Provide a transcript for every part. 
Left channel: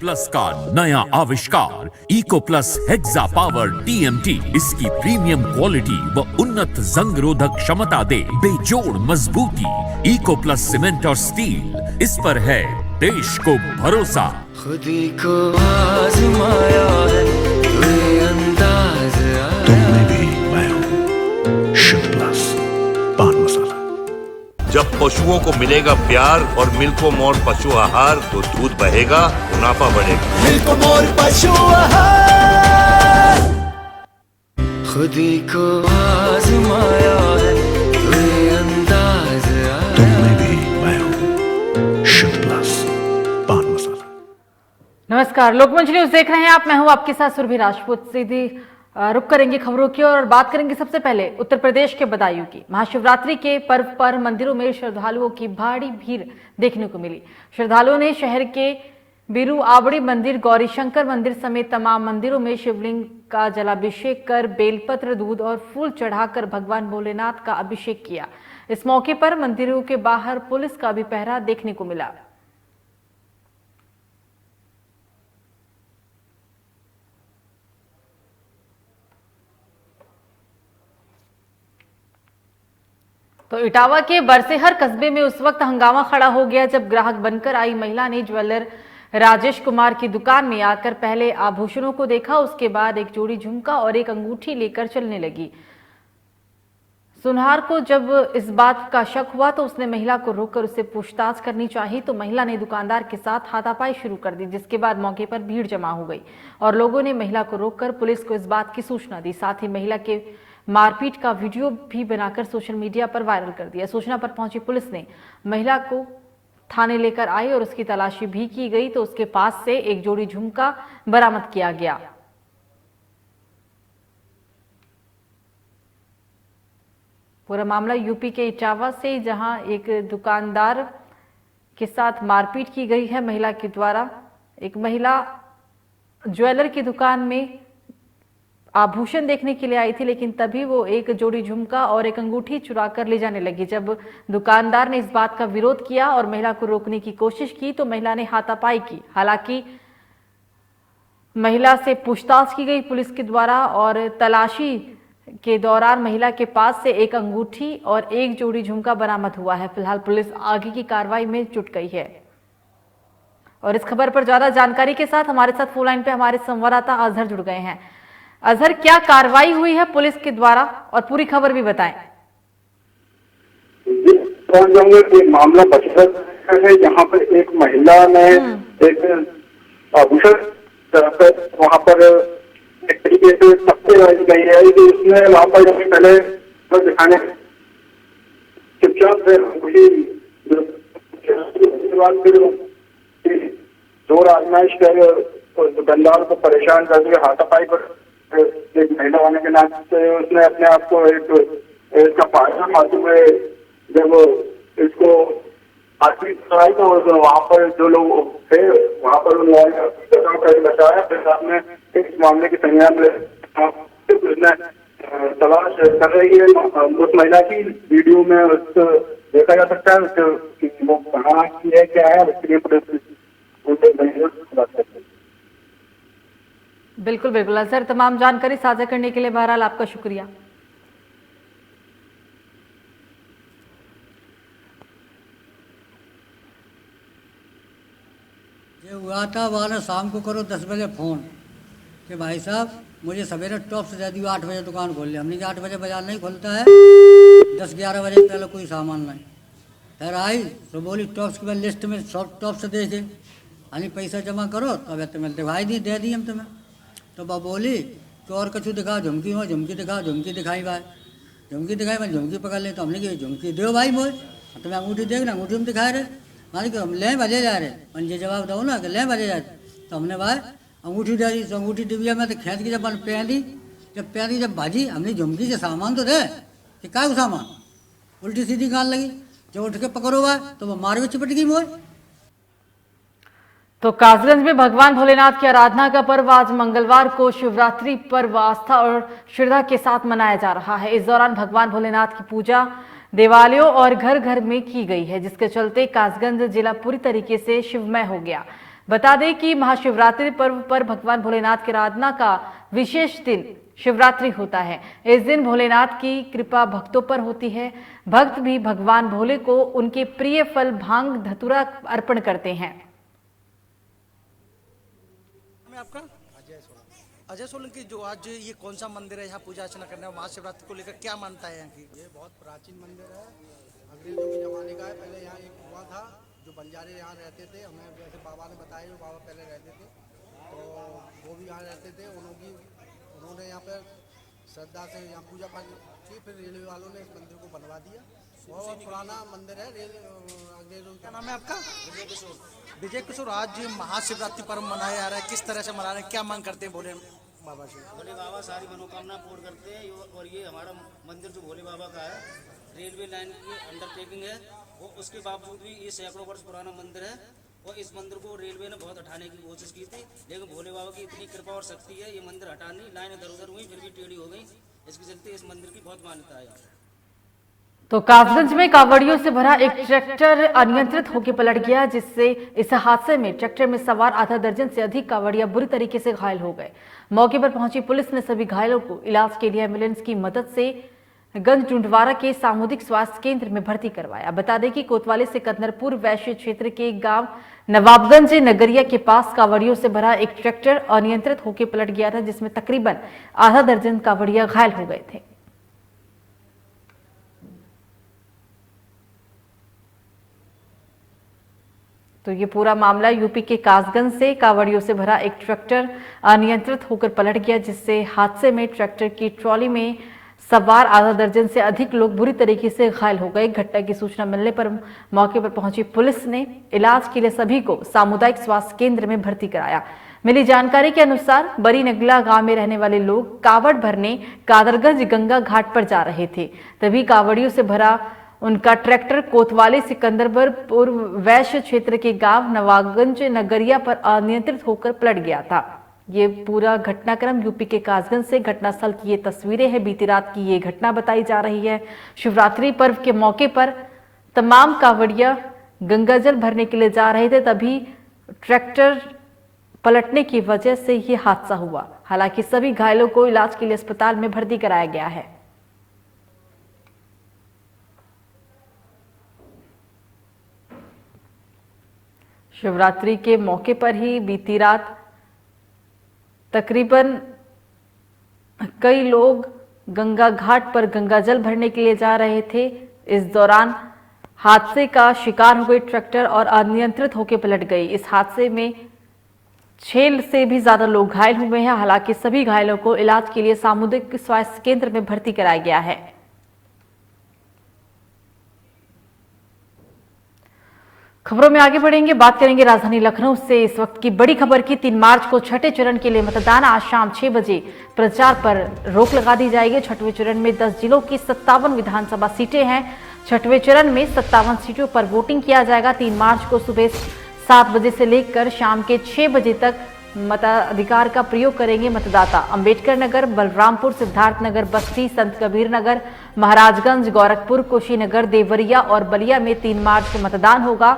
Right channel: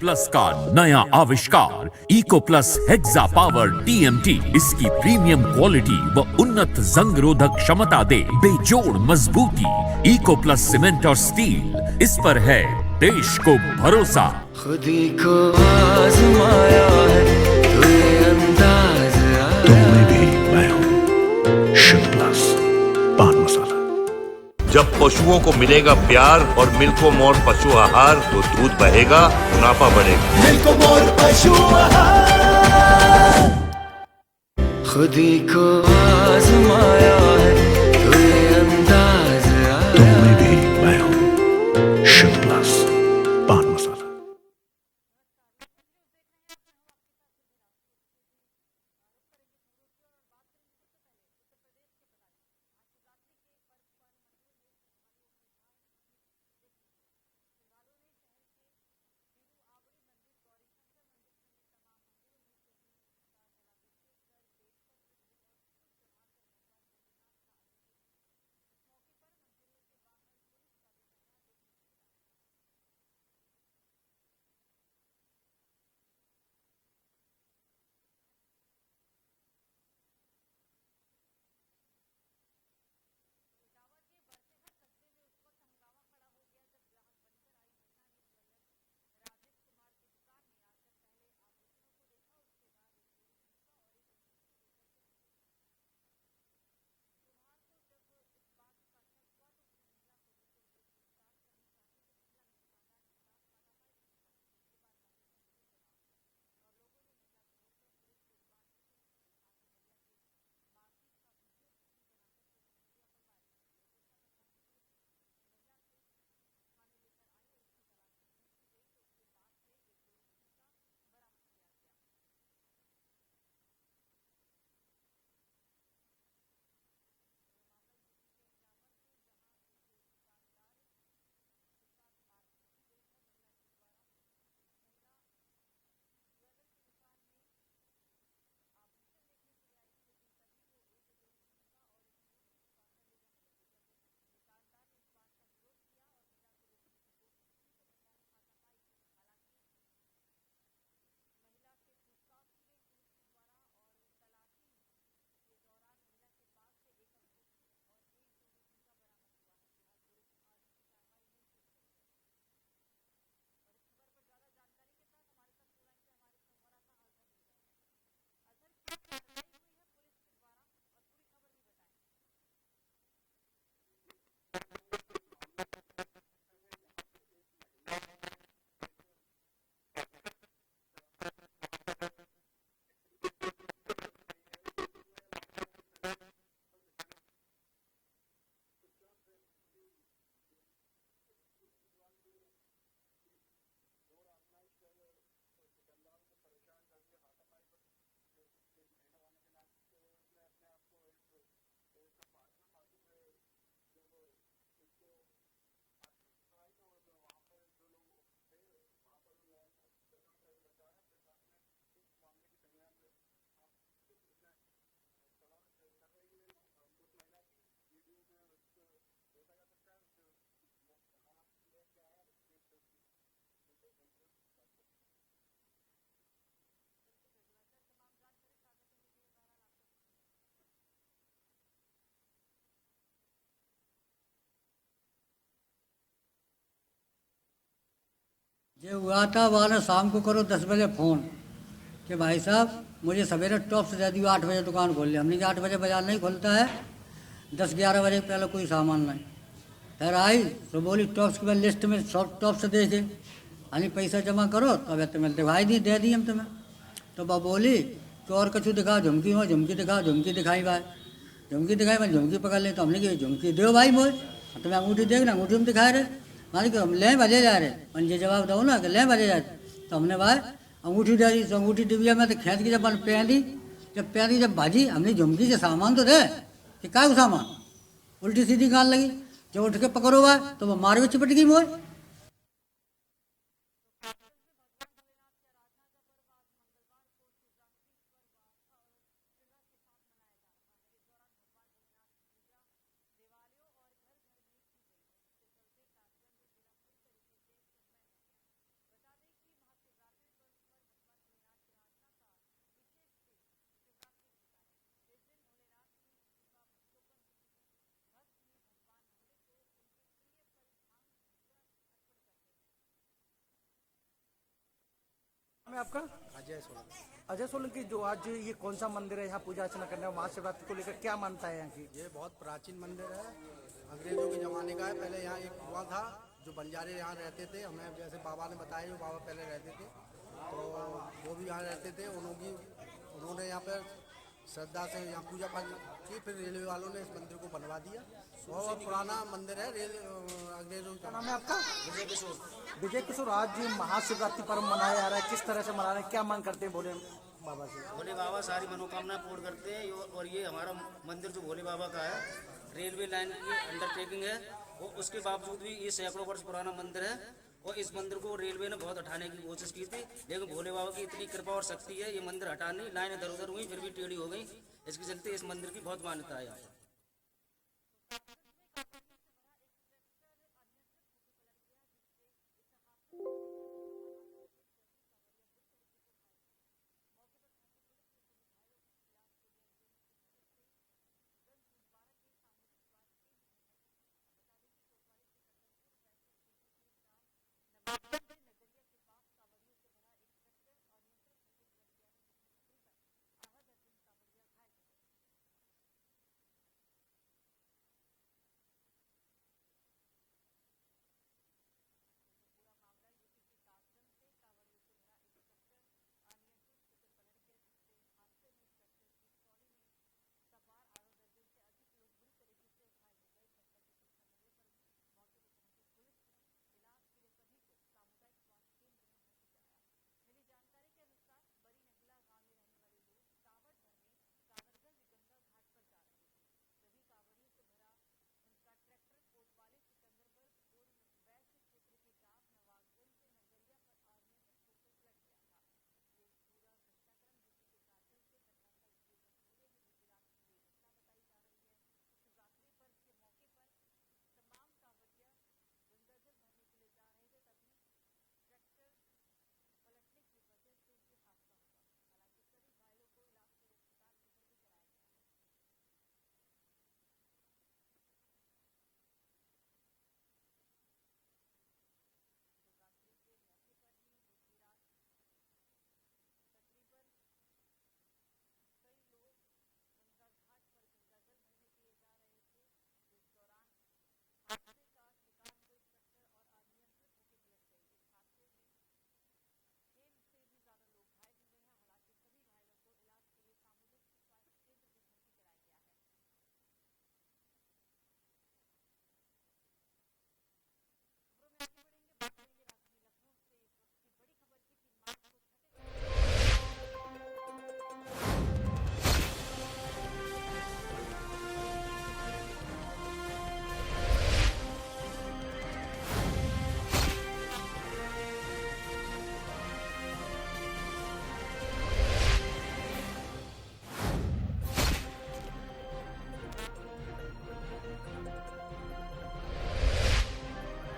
Plus का नया आविष्कार eco plus hexa power TMT। इसकी प्रीमियम क्वालिटी व उन्नत जंग रोधक क्षमता दे बेजोड़ मजबूती। इको प्लस सीमेंट और स्टील, इस पर है देश को भरोसा। खुदी को आजमाया है तो ये अंदाज आया। तुम में भी मैं हूं शुद्ध प्लस पान मसाला। जब पशुओं को मिलेगा प्यार और मिल्को मोर पशु आहार तो दूध बहेगा, मुनाफा बढ़ेगा। मिल्को मोर पशु आहार। खुदी को आजमाया है तो ये अंदाज आया। तुम में भी मैं हूं शुद्ध प्लस पान मसाला। नमस्कार, लोकमंच न्यूज देख रहे हैं आप। मैं हूं आपके साथ सुरभि राजपूत। सीधी रुक करेंगे खबरों की और बात करेंगे सबसे पहले उत्तर प्रदेश के बदायूं की। महाशिवरात्रि के पर्व पर मंदिरों में श्रद्धालुओं की भारी भीड़ देखने को मिली। श्रद्धालुओं ने शहर के बीरू आवड़ी मंदिर, गौरी शंकर मंदिर समेत तमाम मंदिरों में शिवलिंग का जलाभिषेक कर बेलपत्र, दूध और फूल चढ़ाकर भगवान भोलेनाथ का अभिषेक किया। इस मौके पर मंदिरों के बाहर पुलिस का भी पहरा देखने को मिला। तो इटावा के बरसेहर कस्बे में उस वक्त हंगामा खड़ा हो गया जब ग्राहक बनकर आई महिला ने ज्वेलर राजेश कुमार की दुकान में आकर पहले आभूषणों को देखा, उसके बाद एक जोड़ी झुमका और एक अंगूठी लेकर चलने लगी। सुनहार को जब इस बात का शक हुआ तो उसने महिला को रोककर उससे पूछताछ करनी चाहिए, तो महिला ने दुकानदार के साथ हाथापाई शुरू कर दी, जिसके बाद मौके पर भीड़ जमा हो गई और लोगों ने महिला को रोककर पुलिस को इस बात की सूचना दी। साथ ही महिला के मारपीट का वीडियो भी बनाकर सोशल मीडिया पर वायरल कर दिया। सूचना पर पहुंची पुलिस ने महिला को थाने लेकर आई और उसकी तलाशी भी की गई, तो उसके पास से एक जोड़ी झुमका बरामद किया गया। पूरा मामला यूपी के इटावा से, जहां एक दुकानदार के साथ मारपीट की गई है महिला के द्वारा। एक महिला ज्वेलर की दुकान में आभूषण देखने के लिए आई थी, लेकिन तभी वो एक जोड़ी झुमका और एक अंगूठी चुरा कर ले जाने लगी। जब दुकानदार ने इस बात का विरोध किया और महिला को रोकने की कोशिश की तो महिला ने हाथापाई की। हालांकि महिला से पूछताछ की गई पुलिस के द्वारा और तलाशी के दौरान महिला के पास से एक अंगूठी और एक जोड़ी झुमका बरामद हुआ है। फिलहाल पुलिस आगे की कार्रवाई में जुट गई है। और इस खबर पर ज्यादा जानकारी के साथ हमारे साथ फोन लाइन पे हमारे संवाददाता अजहर जुड़ गए हैं। अजहर, क्या कार्रवाई हुई है पुलिस के द्वारा और पूरी खबर भी बताएं। मामला बचत है, जहाँ पर एक महिला ने एक आभूषण वहाँ पर एक तरीके से सख्ती गई है कि उसने वहाँ पर पहले दिखाने चुपचाप जोर आजमाइश कर दुकानदार को परेशान कर दिया। हाथापाई पर एक महिला होने के नाते उसने अपने आप को इसका फायदा मालूम हुए। जब इसको आखिरी कराई तो वहाँ पर जो लोग थे वहाँ पर उन्होंने बताया। फिर आपने इस मामले की संज्ञान उसने तलाश कर रही है उस महिला की। वीडियो में उसको देखा जा सकता है वो कहाँ की है, क्या है, उसके लिए पुलिस बात करती है। बिल्कुल बिल्कुल सर, तमाम जानकारी साझा करने के लिए बहरहाल आपका शुक्रिया। ये हुआ था वाला शाम को करो 10 बजे फ़ोन कि भाई साहब मुझे सवेरे टॉप से दे दियो, 8 बजे दुकान खोल लिया। हमने 8 बजे बाजार नहीं खोलता है, 10-11 बजे पहले कोई सामान नहीं। फिर आई तो बोली टॉप्स की लिस्ट में सब टॉप से देखे, यानी पैसा जमा करो तो अब तुम्हें दिखाई दी, दे दी हम तुम्हें। तो वह बोली कि और कछु दिखा, झुमकी हो, झुमकी दिखा, झुमकी दिखाई भाई, झुमकी दिखाई मैं झुमकी पकड़ ले। तो हमने कही झुमकी दो भाई मोए, तुम्हें अंगूठी देखना, अंगूठी में दिखाए रहे। मानी कि हम ले बजे जा रहे, मुझे जवाब दो ना कि ले बजे जा रहे। तो हमने भाई अंगूठी दे दी, तो अंगूठी डिबिया में तो खींच के जब पहनी, जब भाजी हमने झुमकी से सामान तो दे कि क्या सामान, उल्टी सीधी गाल लगी। जब उठ के पकड़ो भाई तो वह मार में चिपट गई मोए। तो कासगंज में भगवान भोलेनाथ की आराधना का पर्व आज मंगलवार को शिवरात्रि पर्व आस्था और श्रद्धा के साथ मनाया जा रहा है। इस दौरान भगवान भोलेनाथ की पूजा देवालयों और घर घर में की गई है, जिसके चलते कासगंज जिला पूरी तरीके से शिवमय हो गया। बता दें कि महाशिवरात्रि पर्व पर भगवान भोलेनाथ की आराधना का विशेष दिन शिवरात्रि होता है। इस दिन भोलेनाथ की कृपा भक्तों पर होती है। भक्त भी भगवान भोले को उनके प्रिय फल भांग धतूरा अर्पण करते हैं। आपका अजय सोलंकी, जो आज ये कौन सा मंदिर है यहाँ पूजा अर्चना करने, महाशिवरात्रि को लेकर क्या मानता है यहाँ की? ये बहुत प्राचीन मंदिर है, अंग्रेजों के ज़माने का है। पहले यहाँ एक कुआं था, जो बंजारे यहाँ रहते थे। हमें जैसे बाबा ने बताया, जो बाबा पहले रहते थे तो वो भी यहाँ रहते थे। उन्होंने यहाँ पर श्रद्धा से यहाँ पूजा पाठ की। फिर रेलवे वालों ने इस मंदिर को बनवा दिया। बहुत पुराना मंदिर है। अंग्रेजों का नाम है आपका? विजय किशोर, आज महाशिवरात्रि पर्व मनाया जा रहा है, किस तरह से मना रहे हैं, क्या मांग करते हैं भोले बाबा से? भोले बाबा सारी मनोकामना पूर्ण करते हैं। और ये हमारा मंदिर जो भोले बाबा का है, रेलवे लाइन की अंडरटेकिंग है, वो उसके बावजूद भी ये सैकड़ों वर्ष पुराना मंदिर है। और इस मंदिर को रेलवे ने बहुत हटाने की कोशिश की थी, लेकिन भोले बाबा की इतनी कृपा और शक्ति है, ये मंदिर हटा नहीं, लाइन इधर उधर हुई फिर भी टेढ़ी हो गई। इसके चलते इस मंदिर की बहुत मान्यता है। तो कासगंज में कावड़ियों से भरा एक ट्रैक्टर अनियंत्रित होकर पलट गया, जिससे इस हादसे में ट्रैक्टर में सवार आधा दर्जन से अधिक कावड़िया बुरी तरीके से घायल हो गए। मौके पर पहुंची पुलिस ने सभी घायलों को इलाज के लिए एम्बुलेंस की मदद से गंज डुंडवारा के सामुदायिक स्वास्थ्य केंद्र में भर्ती करवाया। बता दें कि कोतवाली से कदनरपुर वैश्य क्षेत्र के गांव नवाबगंज नगरिया के पास कावड़ियों से भरा एक ट्रैक्टर अनियंत्रित होकर पलट गया था, जिसमें तकरीबन आधा दर्जन कावड़िया घायल हो गए थे। तो ये पूरा मामला यूपी के कासगंज से कावड़ियों से भरा एक ट्रैक्टर अनियंत्रित होकर पलट गया, जिससे हादसे में ट्रैक्टर की ट्रॉली में सवार आधा दर्जन से अधिक लोग बुरी तरीके से घायल हो गए। घटना की सूचना मिलने पर मौके पर पहुंची पुलिस ने इलाज के लिए सभी को सामुदायिक स्वास्थ्य केंद्र में भर्ती कराया। मिली जानकारी के अनुसार बरी नगला गांव में रहने वाले लोग कावड़ भरने कादरगंज गंगा घाट पर जा रहे थे, तभी कावड़ियों से भरा उनका ट्रैक्टर कोतवाली सिकंदरपुर पूर्व वैश्य क्षेत्र के गांव नवाबगंज नगरिया पर अनियंत्रित होकर पलट गया था। ये पूरा घटनाक्रम यूपी के कासगंज से घटनास्थल की ये तस्वीरें हैं। बीती रात की ये घटना बताई जा रही है। शिवरात्रि पर्व के मौके पर तमाम कावड़िया गंगाजल भरने के लिए जा रहे थे, तभी ट्रैक्टर पलटने की वजह से ये हादसा हुआ। हालांकि सभी घायलों को इलाज के लिए अस्पताल में भर्ती कराया गया है। शिवरात्रि के मौके पर ही बीती रात तकरीबन कई लोग गंगा घाट पर गंगाजल भरने के लिए जा रहे थे। इस दौरान हादसे का शिकार हो गई ट्रैक्टर और अनियंत्रित होकर पलट गई। इस हादसे में 6 से भी ज्यादा लोग घायल हुए हैं। हालांकि सभी घायलों को इलाज के लिए सामुदायिक स्वास्थ्य केंद्र में भर्ती कराया गया है। खबरों में आगे बढ़ेंगे, बात करेंगे राजधानी लखनऊ से इस वक्त की बड़ी खबर की। 3 मार्च को छठे चरण के लिए मतदान। आज शाम 6 बजे प्रचार पर रोक लगा दी जाएगी। छठवें चरण में 10 जिलों की 57 विधानसभा सीटें हैं। छठवें चरण में 57 सीटों पर वोटिंग किया जाएगा। 3 मार्च को सुबह 7 बजे से लेकर शाम के 6 बजे तक मताधिकार का प्रयोग करेंगे मतदाता। अंबेडकर नगर, बलरामपुर, सिद्धार्थनगर, बस्ती, संत कबीर नगर, महाराजगंज, गोरखपुर, कुशीनगर, देवरिया और बलिया में 3 मार्च को मतदान होगा।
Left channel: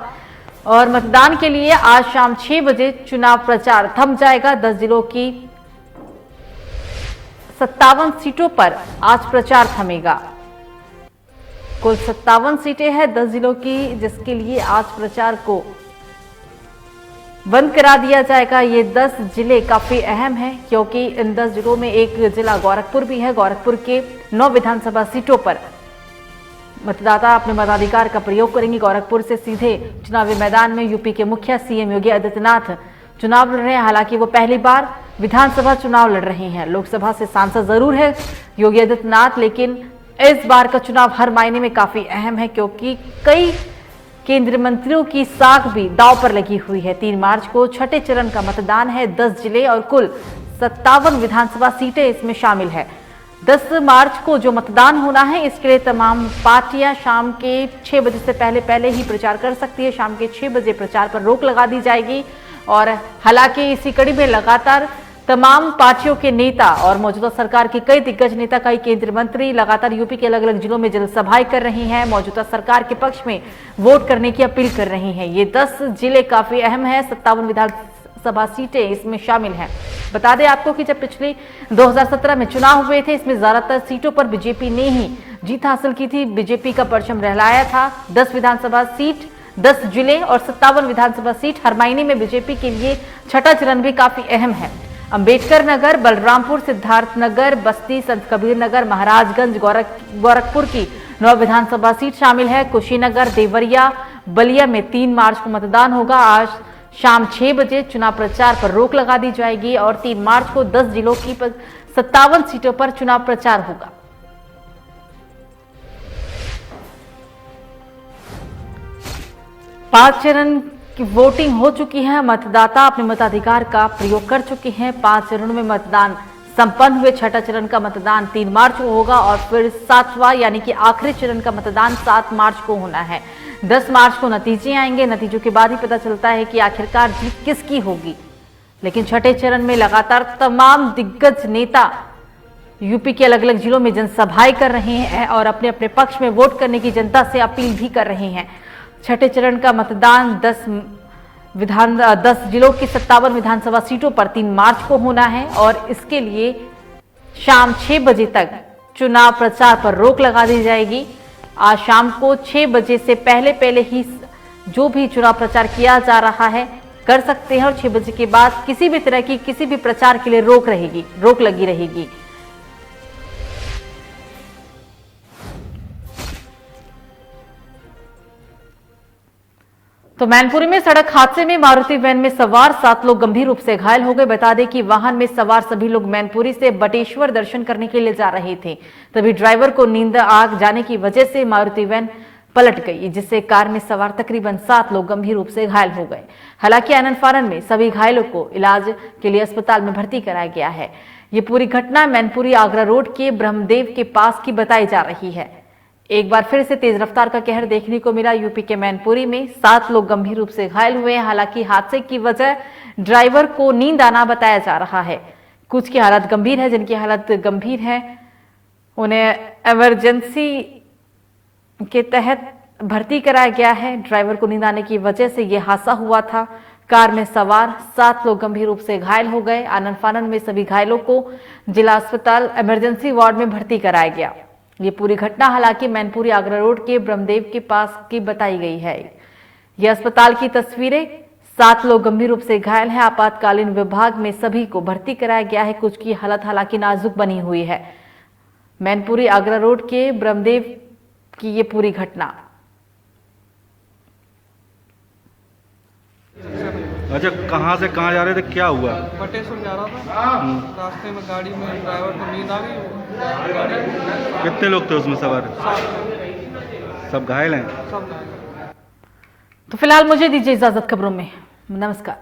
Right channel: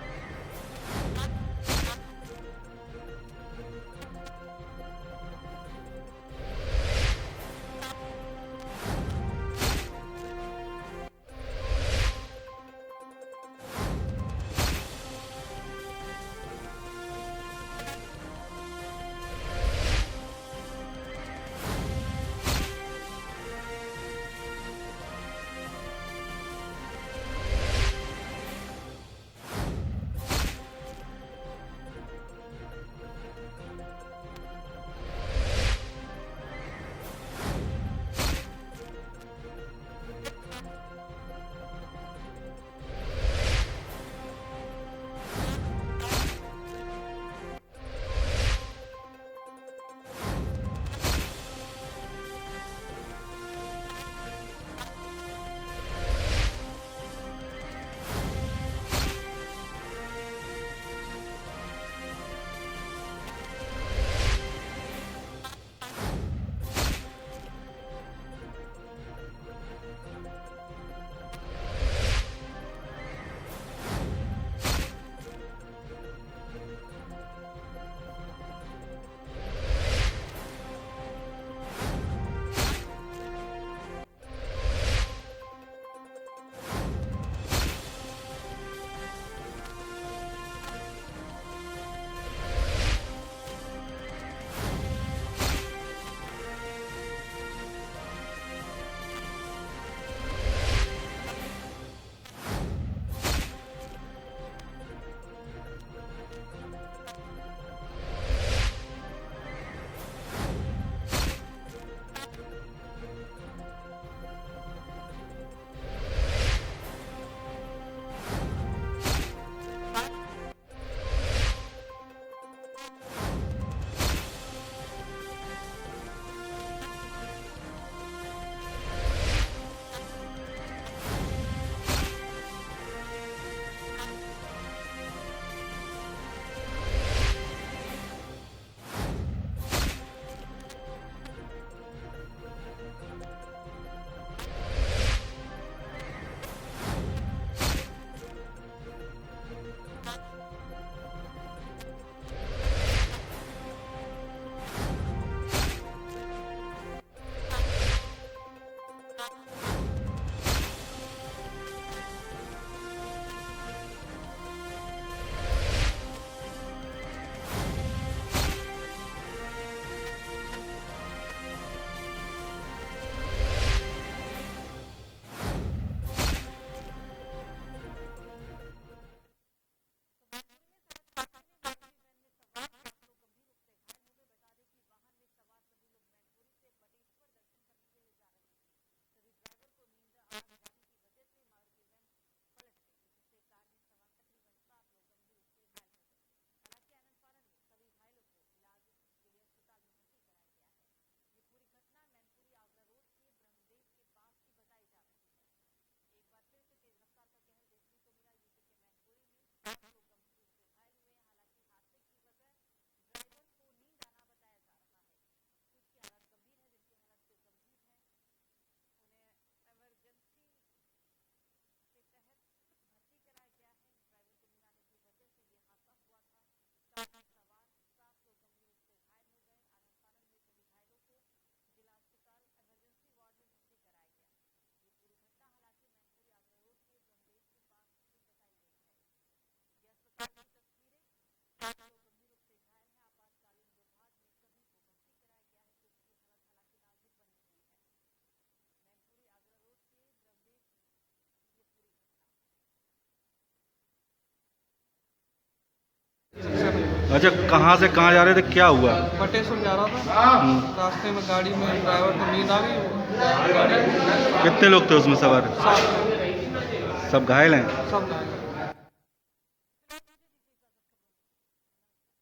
और मतदान के लिए आज शाम 6 बजे चुनाव प्रचार थम जाएगा। 10 जिलों की 57 सीटों पर आज प्रचार थमेगा। कुल 57 सीटें हैं 10 जिलों की, जिसके लिए आज प्रचार को बंद करा दिया जाएगा। ये 10 जिले काफी अहम हैं, क्योंकि इन 10 जिलों में एक जिला गोरखपुर भी है। गोरखपुर के 9 विधानसभा सीटों पर मतदाता अपने मताधिकार का प्रयोग करेंगे। गोरखपुर से सीधे चुनावी मैदान में यूपी के मुखिया सीएम योगी आदित्यनाथ चुनाव लड़ रहे हैं। हालांकि वो पहली बार विधानसभा चुनाव लड़ रहे हैं। लोकसभा से सांसद जरूर है योगी आदित्यनाथ, लेकिन इस बार का चुनाव हर मायने में काफी अहम है, क्योंकि कई केंद्रीय मंत्रियों की साख भी दांव पर लगी हुई है। 3 मार्च को छठे चरण का मतदान है। 10 जिले और कुल 57 विधानसभा सीटें इसमें शामिल है। 10 मार्च को जो मतदान होना है, इसके लिए तमाम पार्टियां शाम के 6 बजे से पहले ही प्रचार कर सकती है। शाम के 6 बजे प्रचार पर रोक लगा दी जाएगी। और हालांकि इसी कड़ी में लगातार तमाम पार्टियों के नेता और मौजूदा सरकार के कई दिग्गज नेता, कई केंद्रीय मंत्री लगातार यूपी के अलग अलग जिलों में जनसभाएं कर रही हैं। मौजूदा सरकार के पक्ष में वोट करने की अपील कर रही हैं। ये 10 जिले काफी अहम हैं। 57 विधानसभा सीटें इसमें शामिल हैं। बता दें आपको कि जब पिछले 2017 में चुनाव हुए थे, इसमें ज्यादातर सीटों पर बीजेपी ने ही जीत हासिल की थी। बीजेपी का परचम लहराया था। 10 विधानसभा सीट, 10 जिले और 57 विधानसभा सीट। हर महीने में बीजेपी के लिए छठा चरण भी काफी अहम है। अंबेडकर नगर, बलरामपुर, सिद्धार्थनगर, बस्ती, संत कबीर नगर, महाराजगंज, गोरखपुर की 9 विधानसभा सीट शामिल है। कुशीनगर, देवरिया, बलिया में 3 मार्च को मतदान होगा। आज शाम 6 बजे चुनाव प्रचार पर रोक लगा दी जाएगी और 3 मार्च को 10 जिलों की 57 सीटों पर चुनाव प्रचार होगा। पांच चरण की वोटिंग हो चुकी है। मतदाता अपने मताधिकार का प्रयोग कर चुके हैं। 5 चरणों में मतदान संपन्न हुए। छठा चरण का मतदान 3 मार्च को होगा और फिर 7वां यानी कि आखिरी चरण का मतदान 7 मार्च को होना है। 10 मार्च को नतीजे आएंगे। नतीजों के बाद ही पता चलता है कि आखिरकार जीत किसकी होगी। लेकिन छठे चरण में लगातार तमाम दिग्गज नेता यूपी के अलग अलग जिलों में जनसभाएं कर रहे हैं और अपने अपने पक्ष में वोट करने की जनता से अपील भी कर रहे हैं। छठे चरण का मतदान 10 जिलों की 57 विधानसभा सीटों पर 3 मार्च को होना है और इसके लिए शाम 6 बजे तक चुनाव प्रचार पर रोक लगा दी जाएगी। आज शाम को 6 बजे से पहले ही जो भी चुनाव प्रचार किया जा रहा है कर सकते हैं और 6 बजे के बाद किसी भी तरह की किसी भी प्रचार के लिए रोक लगी रहेगी। तो मैनपुरी में सड़क हादसे में मारुति वैन में सवार 7 लोग गंभीर रूप से घायल हो गए। बता दें कि वाहन में सवार सभी लोग मैनपुरी से बटेश्वर दर्शन करने के लिए जा रहे थे। तभी ड्राइवर को नींद आ जाने की वजह से मारुति वैन पलट गई, जिससे कार में सवार तकरीबन 7 लोग गंभीर रूप से घायल हो गए। हालांकि आनन फानन में सभी घायलों को इलाज के लिए अस्पताल में भर्ती कराया गया है। ये पूरी घटना मैनपुरी आगरा रोड के ब्रह्मदेव के पास की बताई जा रही है। एक बार फिर से तेज रफ्तार का कहर देखने को मिला। यूपी के मैनपुरी में 7 लोग गंभीर रूप से घायल हुए हैं। हालांकि हादसे की वजह ड्राइवर को नींद आना बताया जा रहा है। कुछ की हालत गंभीर है, जिनकी हालत गंभीर है उन्हें इमरजेंसी के तहत भर्ती कराया गया है। ड्राइवर को नींद आने की वजह से यह हादसा हुआ था। कार में सवार 7 लोग गंभीर रूप से घायल हो गए। आनन फानन में सभी घायलों को जिला अस्पताल इमरजेंसी वार्ड में भर्ती कराया गया। ये पूरी घटना हालांकि मैनपुरी आगरा रोड के ब्रह्मदेव के पास की बताई गई है। यह अस्पताल की तस्वीरें। 7 लोग गंभीर रूप से घायल हैं। आपातकालीन विभाग में सभी को भर्ती कराया गया है। कुछ की हालत हालांकि नाजुक बनी हुई है। मैनपुरी आगरा रोड के ब्रह्मदेव की ये पूरी घटना। अच्छा, कहाँ से कहाँ जा रहे थे, क्या हुआ? बटेश्वर जा रहा था। रास्ते में गाड़ी में ड्राइवर को नींद आ गई। कितने लोग थे उसमें सवार? 7। सब घायल हैं? सब घायल। तो फिलहाल मुझे दीजिए इजाजत खबरों में। नमस्कार।